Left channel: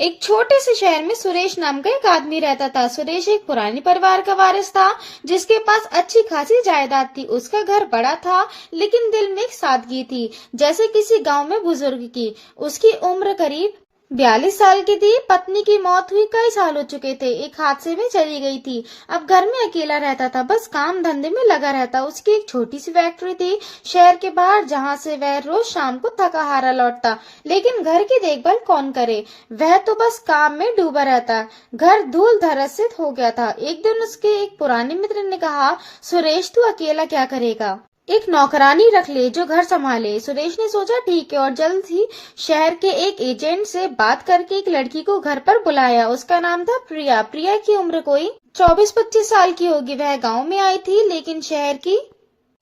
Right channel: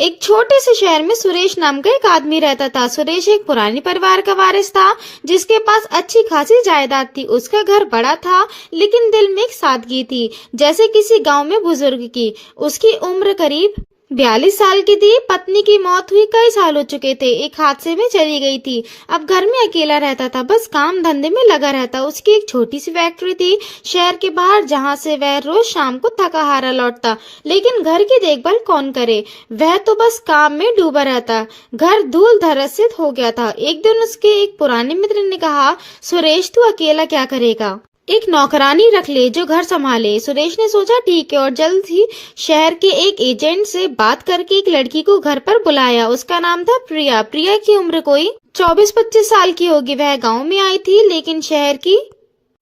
एक छोटे से शहर में सुरेश नाम का एक आदमी रहता था। सुरेश एक पुराने परिवार का वारिस था जिसके पास अच्छी खासी जायदाद थी। उसका घर बड़ा था लेकिन दिल में एक सादगी थी, जैसे किसी गांव में बुजुर्ग की। उसकी उम्र करीब 42 साल की थी। पत्नी की मौत हुई कई साल हो चुके थे, एक हादसे में चली गई थी। अब घर में अकेला रहता था, बस काम धंधे में लगा रहता। उसकी एक छोटी सी फैक्ट्री थी शहर के बाहर, जहां से वह रोज शाम को थका हारा लौटता। लेकिन घर की देखभाल कौन करे, वह तो बस काम में डूबा रहता। घर धूल धरसित हो गया था। एक दिन उसके एक पुराने मित्र ने कहा, सुरेश तू अकेला क्या करेगा, एक नौकरानी रख ले जो घर संभाले। सुरेश ने सोचा ठीक है, और जल्द ही शहर के एक एजेंट से बात करके एक लड़की को घर पर बुलाया। उसका नाम था प्रिया। प्रिया की उम्र कोई 24-25 साल की होगी। वह गांव में आई थी लेकिन शहर की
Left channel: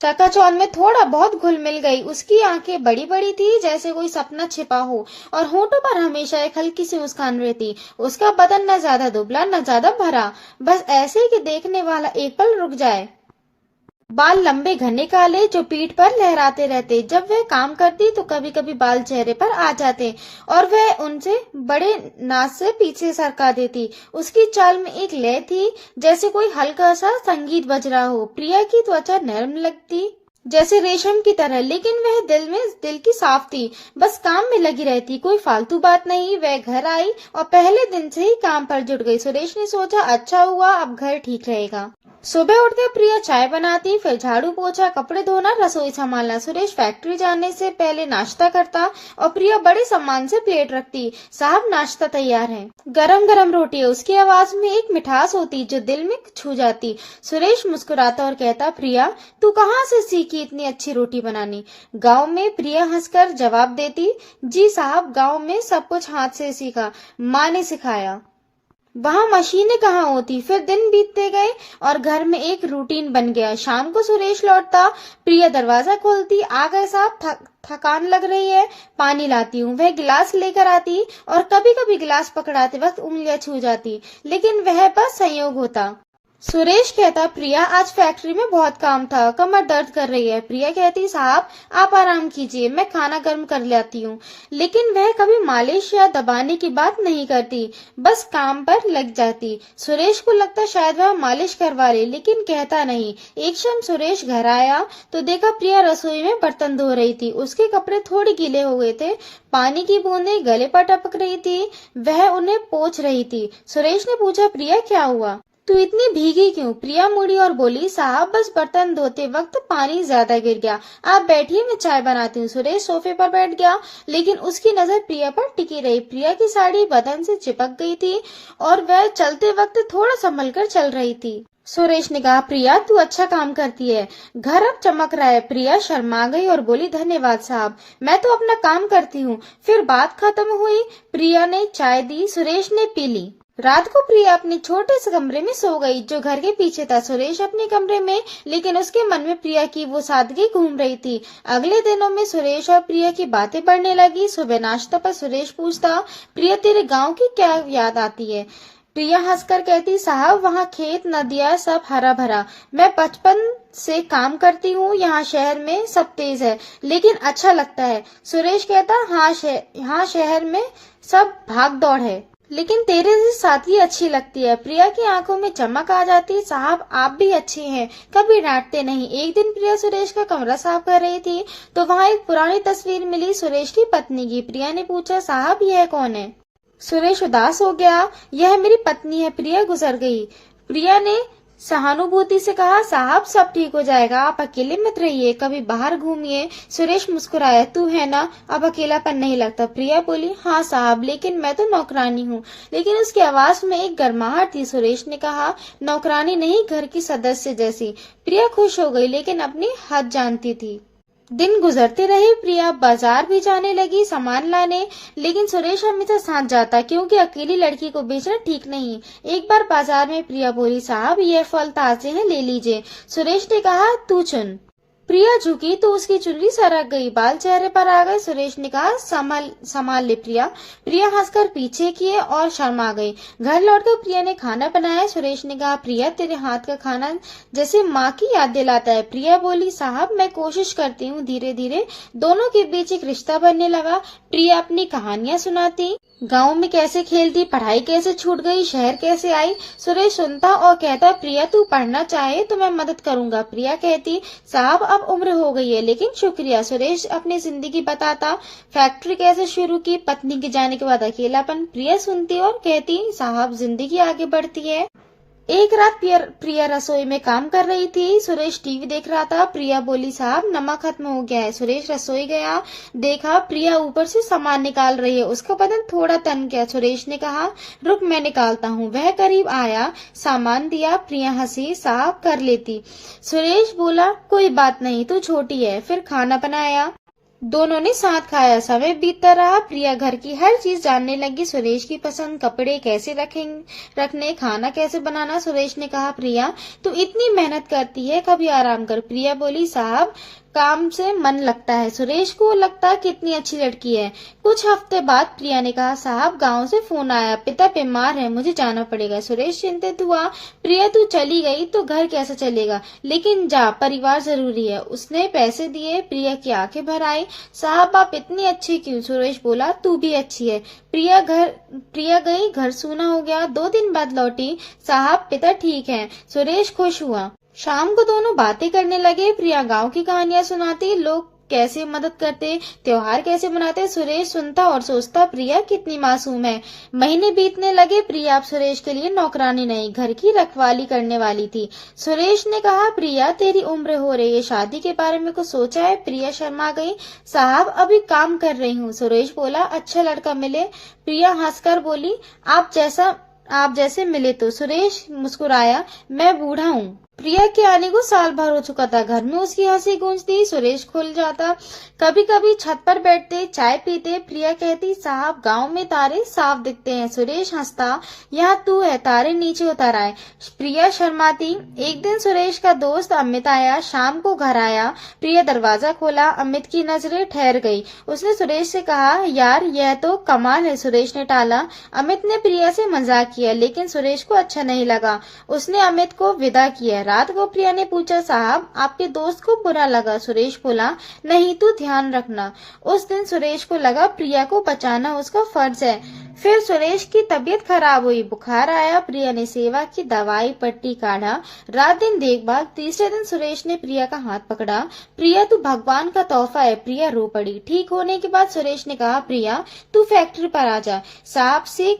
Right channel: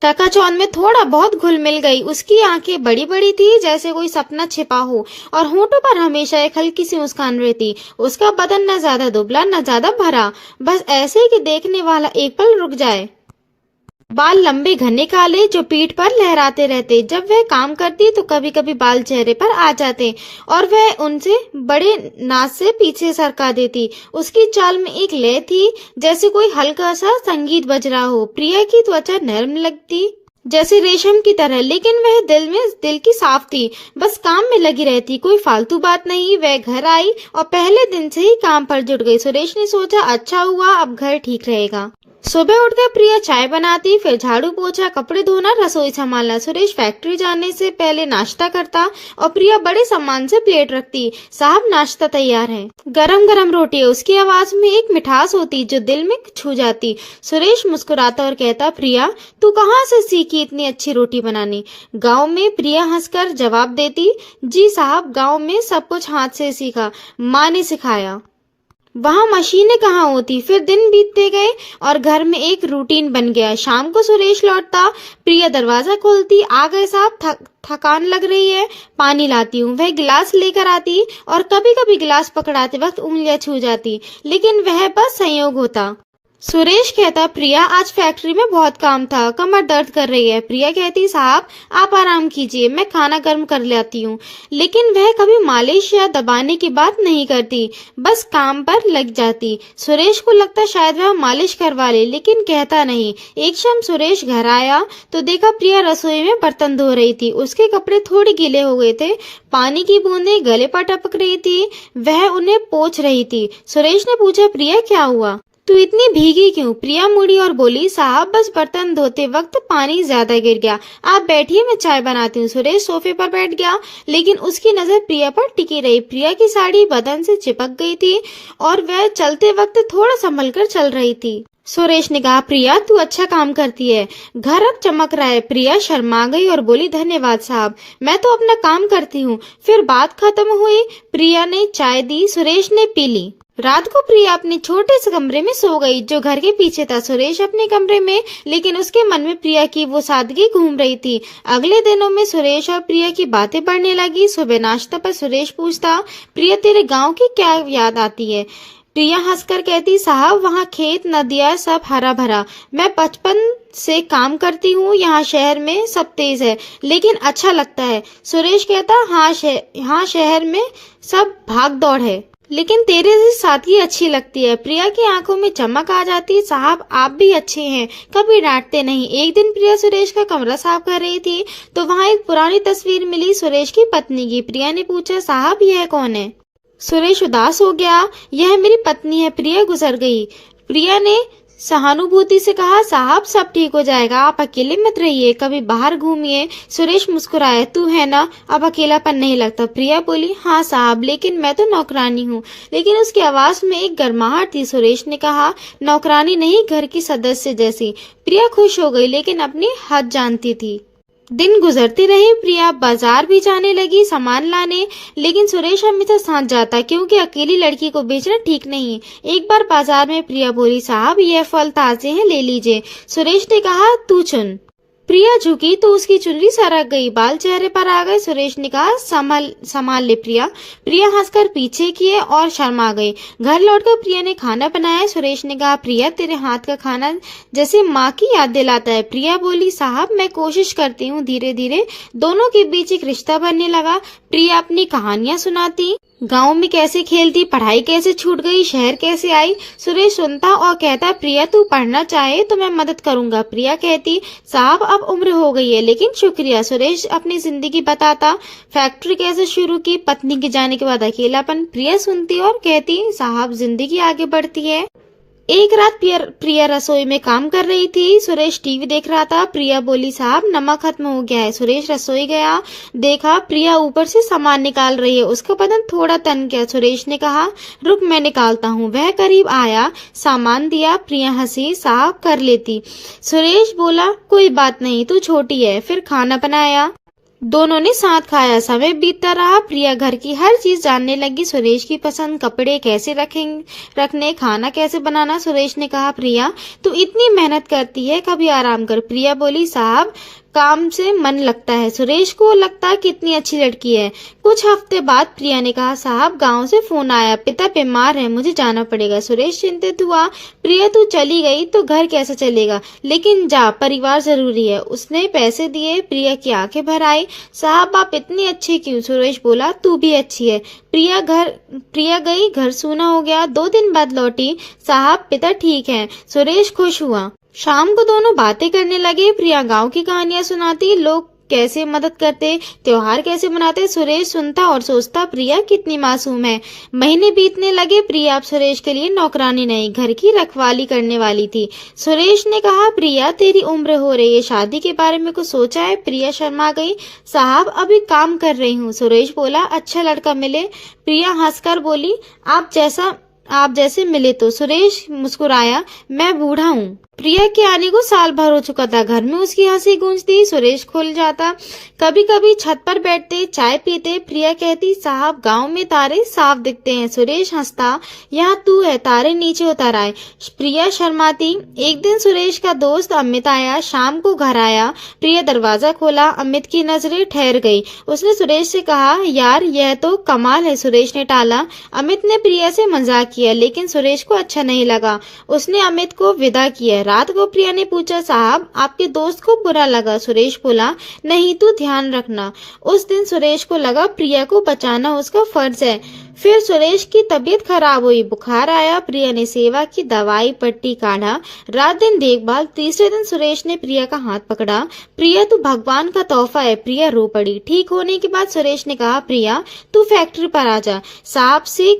चकाचौंध में थोड़ा बहुत घुल मिल गई। उसकी आंखें बड़ी बड़ी थी जैसे कोई सपना छिपा हो, और होंठों पर हमेशा एक हल्की सी मुस्कान रहती। उसका बदन न ज्यादा दुबला न ज्यादा भरा, बस ऐसे कि देखने वाला एक पल रुक जाए। बाल लंबे घने काले जो पीठ पर लहराते रहते। जब वह काम करती तो कभी कभी बाल चेहरे पर आ जाते और वह उनसे बड़े नाज से पीछे सरका देती। उसकी चाल में एक लय थी, जैसे कोई हल्का सा संगीत बज रहा हो। प्रिया की त्वचा नरम लगती जैसे रेशम की तरह, लेकिन वह दिल की साफ थी, बस काम में लगी रहती, कोई फालतू बात नहीं। वह घर आई और पहले दिन से ही काम पर जुट गई। सुरेश ने सोचा अच्छा हुआ, अब घर ठीक रहेगा। सुबह उठकर प्रिया चाय बनाती, फिर झाड़ू पोछा, कपड़े धोना, रसोई संभालना। सुरेश फैक्ट्री जाने से पहले नाश्ता करता और प्रिया बड़े सम्मान से प्लेट रखती। साहब नाश्ता तैयार है। गरम गरम रोटी है। उसकी आवाज में एक मिठास होती जो दिल में छू जाती। सुरेश मुस्कुराता और कहता, प्रिया तू कहाँ से सीखी इतनी अच्छी रोटी बनानी। गाँव में। प्रिया हंसकर जवाब देती, जी साहब गाँव में सब कुछ हाथ से सीखा, माँ ने सिखाया। वहां मशीनें कहाँ होती। फिर दिन बीतते गए और घर में एक रूटीन बन गया। शाम को सुरेश लौटता, प्रिया दरवाजा खोलती, आ गए साहब, थकान लग रही है, पानी लाती हूँ। वह गिलास लेकर आती और कभी कभी गिलास पकड़ाते वक्त उंगलियां छू जाती, लेकिन वह बस संयोग होता। सुरेश कहता, प्रिया आज फैक्ट्री में बहुत काम था, कमर दर्द कर रही है। प्रिया कहती, साहब आप आराम कीजिए, मैं खाना गर्म कर लाती हूँ। लेकिन वह कभी मालिश या दबाने की बात नहीं करती, बस काम पर लग जाती। सुरेश को लगता शायद वह मालिश करवा ले, लेकिन कहता नहीं। एक शाम सुरेश घर आया तो देखा प्रिया रसोई में बर्तन धो रही थी। उसके कपड़े थोड़े गीले हो गए थे, पानी की बूंदें गले पर टपक रही थी, वह उन्हें पोंछ रही थी। सुरेश ने पूछा, प्रिया क्या हुआ, तू इतनी भीगी क्यों। प्रिया मुड़ी और बोली, साहब बस बर्तन धोते वक्त पानी ज्यादा गिर गया, आप बैठिए मैं चाय बनाती हूँ। सुरेश सोफे पर बैठ गया, लेकिन उसकी नजर प्रिया पर टिकी रही। प्रिया की साड़ी बदन से चिपक गई थी और वह चलते वक्त थोड़ा संभल कर चल रही थी। सुरेश ने कहा, प्रिया तू अच्छा काम करती है, घर अब चमक रहा है। प्रिया शर्मा गई और बोली, धन्यवाद साहब, मैं तो अपना काम करती हूँ। फिर बात खत्म हुई। प्रिया ने चाय दी, सुरेश ने पी ली। रात को प्रिया अपने छोटे से कमरे में सो गई जो घर के पीछे था। सुरेश अपने कमरे में, लेकिन उसके मन में प्रिया की वो सादगी घूम रही थी। अगले दिनों में सुरेश और प्रिया की बातें बढ़ने लगी। सुबह नाश्ता पर सुरेश पूछता, प्रिया तेरे गांव की क्या याद आती है। प्रिया हंसकर कहती, साहब वहाँ खेत नदियाँ सब हरा भरा, मैं बचपन से काम करती हूँ। यहाँ शहर में सब तेज है लेकिन अच्छा लगता है। सुरेश कहता, हाँ शहर में सब भाग दौड़ है, लेकिन तेरे जैसी सादगी अच्छी लगती है। प्रिया की आंखों में चमक आ जाती, साहब आप भी अच्छे हैं, कभी डांटते नहीं। एक दिन प्रिया सुरेश का कमरा साफ कर रही थी तो वहाँ एक पुरानी तस्वीर मिली सुरेश की पत्नी की। प्रिया ने पूछा, साहब यह कौन है। सुरेश उदास हो गया, यह मेरी पत्नी है, प्रिया गुजर गई। प्रिया ने सहानुभूति से कहा, साहब सब ठीक हो जाएगा, आप अकेले मत रहिए, कभी बाहर घूमिए। सुरेश मुस्कुराया, तू है ना, अब अकेलापन नहीं लगता। प्रिया बोली, हाँ साहब, लेकिन मैं तो नौकरानी हूँ। लेकिन उसकी आवाज में एक गर्माहट थी। सुरेश ने कहा, नौकरानी नहीं, घर की सदस्य जैसी। प्रिया खुश हो गई, लेकिन अपनी हद जानती थी। दिन गुजरते रहे। प्रिया बाजार भी जाने लगी सामान लाने, लेकिन सुरेश हमेशा साथ जाता क्योंकि अकेली लड़की को बेचना ठीक नहीं। एक बार बाजार में प्रिया बोली, साहब ये फल ताजे हैं, ले लीजिए। सुरेश ने कहा, तू चुन। प्रिया झुकी तो उसकी चुनरी सरक गई, बाल चेहरे पर आ गए। सुरेश ने कहा, संभाल ले प्रिया। प्रिया हंसकर पीछे किए और शर्मा गई। घर लौटकर प्रिया ने खाना बनाया। सुरेश ने कहा, प्रिया तेरे हाथ का खाना जैसे माँ की याद दिलाता है। प्रिया बोली, साहब मैं कोशिश करती हूँ। धीरे धीरे दोनों के बीच एक रिश्ता बनने लगा। प्रिया अपनी कहानियां सुनाती, गांव में कैसे खेलती, पढ़ाई कैसे छूट गई, शहर कैसे आई। सुरेश सुनता और कहता, प्रिया तू पढ़ना चाहे तो मैं मदद करूंगा। प्रिया कहती, साहब अब उम्र हो गई है लेकिन शुक्रिया। सुरेश अपनी जिंदगी बताता, फैक्ट्री कैसे शुरू की, पत्नी के जाने के बाद अकेलापन। प्रिया सुनती और कहती, साहब जिंदगी आगे बढ़ती है। एक रात प्रिया रसोई में काम कर रही थी। सुरेश टीवी देख रहा था। प्रिया बोली, साहब नमक खत्म हो गया है। सुरेश रसोई गया, देखा प्रिया ऊपर से सामान निकाल रही है। उसका बदन थोड़ा तन गया। सुरेश ने कहा, रुक मैं निकालता हूँ। वह करीब आया, सामान दिया। प्रिया हंसी, साहब कर लेती। सुरेश बोला, कोई बात नहीं, तू छोटी है। फिर खाना बनाया, दोनों ने साथ खाया। समय बीतता रहा। प्रिया घर की हर चीज जानने लगी। सुरेश की पसंद, कपड़े कैसे रखने, खाना कैसे बनाना। सुरेश ने कहा, प्रिया तू इतनी मेहनत करती है, कभी आराम कर। प्रिया बोली, साहब काम से मन लगता है। सुरेश को लगता कितनी अच्छी लड़की है। कुछ हफ्ते बाद प्रिया ने कहा, साहब गांव से फोन आया, पिता बीमार है, मुझे जाना पड़ेगा। सुरेश चिंतित हुआ। प्रिया तू चली गई तो घर कैसे चलेगा, लेकिन जा, परिवार जरूरी है। उसने पैसे दिए। प्रिया की आंखें भर आई। साहब आप इतनी अच्छी क्यों। सुरेश बोला, तू भी अच्छी है। प्रिया गई, घर सूना हो गया। 2 दिन बाद लौटी, साहब पिता ठीक है। सुरेश खुश हुआ। शाम को दोनों बातें करने लगे। प्रिया गांव की कहानियां सुनाती, लोग कैसे मदद करते, त्योहार कैसे मनाते। सुरेश सुनता और सोचता, प्रिया कितनी मासूम है। महीने बीतने लगे। प्रिया अब सुरेश के लिए नौकरानी नहीं, घर की रखवाली करने वाली थी। सुरेश ने कहा, प्रिया तेरी उम्र हो रही है, शादी के बारे में कुछ सोचा है। प्रिया शर्मा गई, साहब अभी काम कर रही हूँ। सुरेश बोला, अच्छा लड़का मिले। प्रिया हंसकर बोली, आप जैसे मिले तो। सुरेश मुस्कुराया, मैं बूढ़ा हूँ। प्रिया के आने को साल भर हो चुका था। घर में उसकी हंसी गूंजती। सुरेश खुल जाता। कभी कभी छत पर बैठते, चाय पीते। प्रिया कहती, साहब गांव में तारे साफ दिखते हैं। सुरेश हंसता, यहाँ तू है, तारे नीचे उतर आए। प्रिया शर्माती। एक दिन सुरेश का दोस्त अमित आया। शाम को घर आया। प्रिया दरवाजा खोला। अमित की नजरें ठहर गई। उसने सुरेश से कहा, यार यह तो कमाल है। सुरेश ने टाला। अमित ने प्रिया से मजाक किया, लेकिन सुरेश को अच्छा नहीं लगा। उसने अमित को विदा किया। रात को प्रिया ने पूछा, साहब आपके दोस्त को बुरा लगा। सुरेश बोला, नहीं तू ध्यान रखना। उस दिन सुरेश को लगा प्रिया को बचाना उसका फर्ज है। फिर सुरेश की तबीयत खराब हुई, बुखार आया। प्रिया ने सेवा की, दवाई पट्टी काढ़ा, रात दिन देखभाल। तीसरे दिन सुरेश ने प्रिया का हाथ पकड़ा। प्रिया तू भगवान का तोहफा है। प्रिया रो पड़ी। ठीक होने के बाद सुरेश ने कहा, प्रिया तू फैक्ट्री पर आ जा। साहब से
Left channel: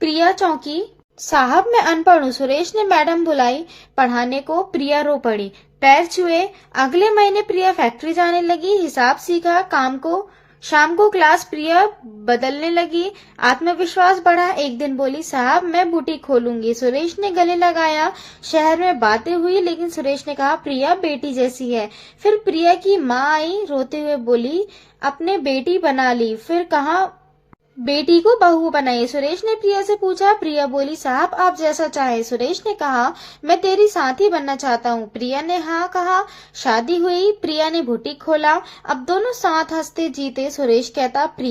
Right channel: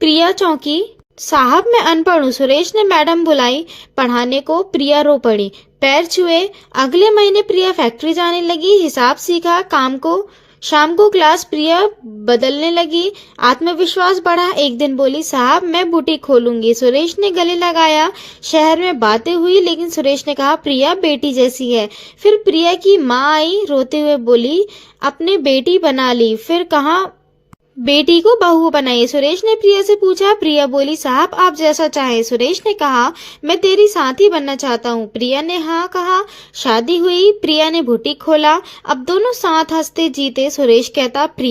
प्रिया चौंकी, साहब मैं अनपढ़ हूँ। सुरेश ने मैडम बुलाई पढ़ाने को। प्रिया रो पड़ी, पैर छुए। अगले महीने प्रिया फैक्ट्री जाने लगी, हिसाब सीखा। शाम को क्लास प्रिया बदलने लगी, आत्मविश्वास बढ़ा। एक दिन बोली, साहब मैं बुटीक खोलूंगी। सुरेश ने गले लगाया। शहर में बातें हुई, लेकिन सुरेश ने कहा, प्रिया बेटी जैसी है। फिर प्रिया की माँ आई, रोते हुए बोली, अपने बेटी बना ली। फिर कहा, बेटी को बहू बनाई। सुरेश ने प्रिया से पूछा। प्रिया बोली, साहब आप जैसा चाहे। सुरेश ने कहा, मैं तेरी साथी बनना चाहता हूँ। प्रिया ने हाँ कहा। शादी हुई। प्रिया ने बुटीक खोला। अब दोनों साथ हंसते जीते। सुरेश कहता, प्रिया